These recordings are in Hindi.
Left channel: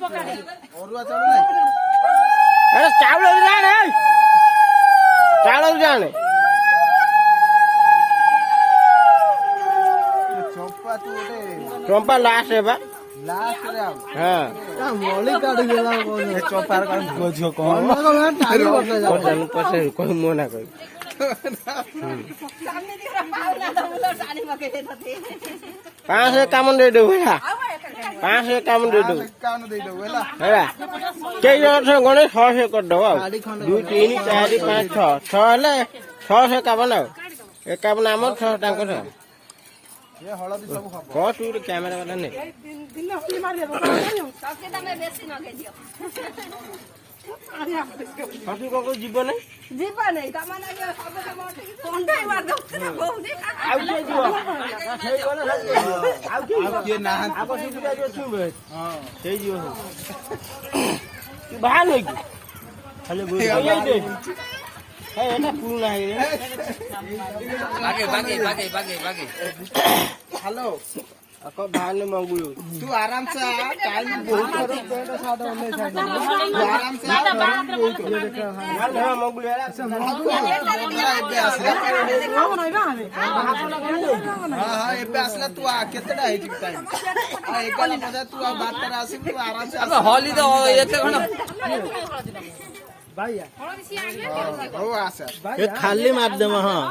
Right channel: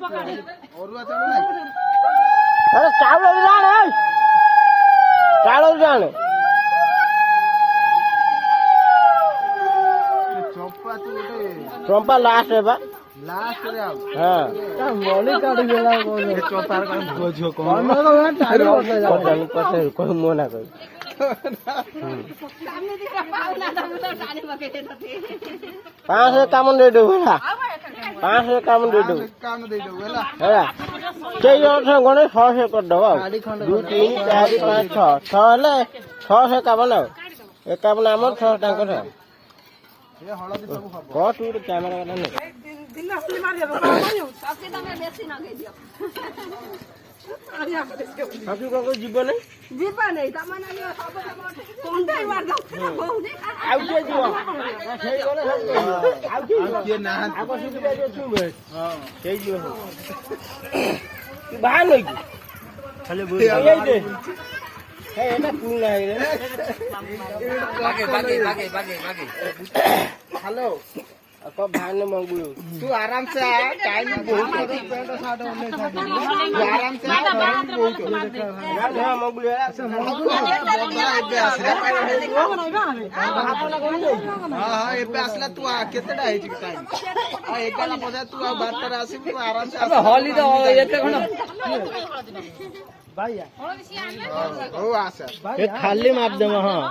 अरे चावल जाने चंपा लास्ट है बा लास्ट हां मोली काट गेला चंपा का खोजो कौन पसे कोई मोना कोई पांच से काम दे दो है 500 काम दे दो है के से गणे 600 कर दो 2 3 4 5 6 6 ले 6 से काम ना एक काम नाम 6 टाका छ ये हळदी सब खब को तू कैमरा वाला नहीं दिन हल्दी मार दे सबके तमे बेसी न के दियो हाथी को जीवन नहीं तमन आगे सब के मोटे कोंडे मार दो आउ के दियो सेई गले सब आउ के ना आको सिटी जो छुबे हां सेई दियो की बाहर नहीं खाली बोल दे हे एटा कूल है रे भागे हेलो अको भान ने मंगू तू आराम से आ टाइम बहुत पेंट सादा नहीं था आराम से बहुत यार घर मंगू है आगे आस रे हां ए पे आसला तू आ केतडा है ठीक टाइम एक बार पता तू आ बात कर आसे तू आराम से अब हॉली तो एते खण भाई हो आसा ये खाली मार दे हां हां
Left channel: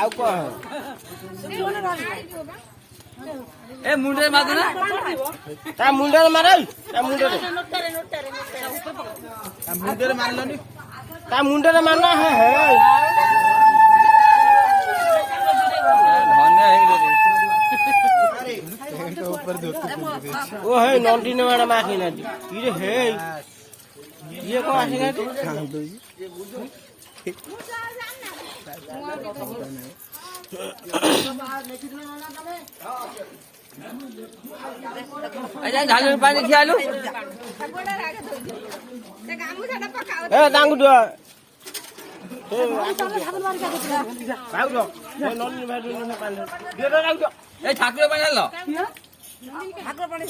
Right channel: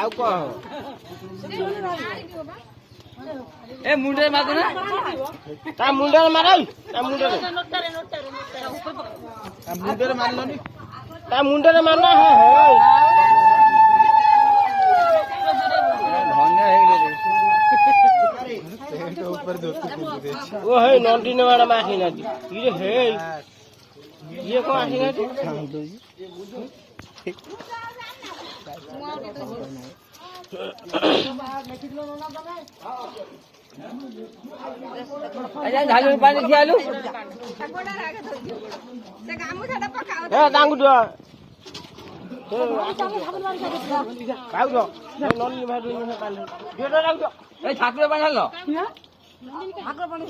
आउ को ए मुंडे मार दे ना ता मुंडे मार ता मुंडे मारलनी ता मुंडे मारना है धन्य है रे वो है नंदी ने वाला माखी नदी ये है ये को माखी नदी अच्छा झालू पानी खियालू ए डांगू दो ए ठाकुर पानी लो ठाकुर पानी